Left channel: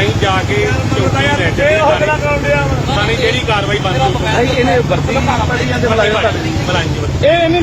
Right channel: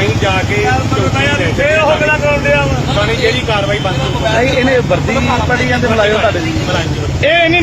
ਅਸੀਂ ਜਾ ਕੇ ਚੌਕੀ ਲੈ ਜਾਂਦੇ ਹਾਂ ਜਿਹੜੀ ਕਾਰਵਾਈ ਬੰਦ ਹੋ ਗਈ ਇਹਨੇ ਬੱਦੀ ਇਹ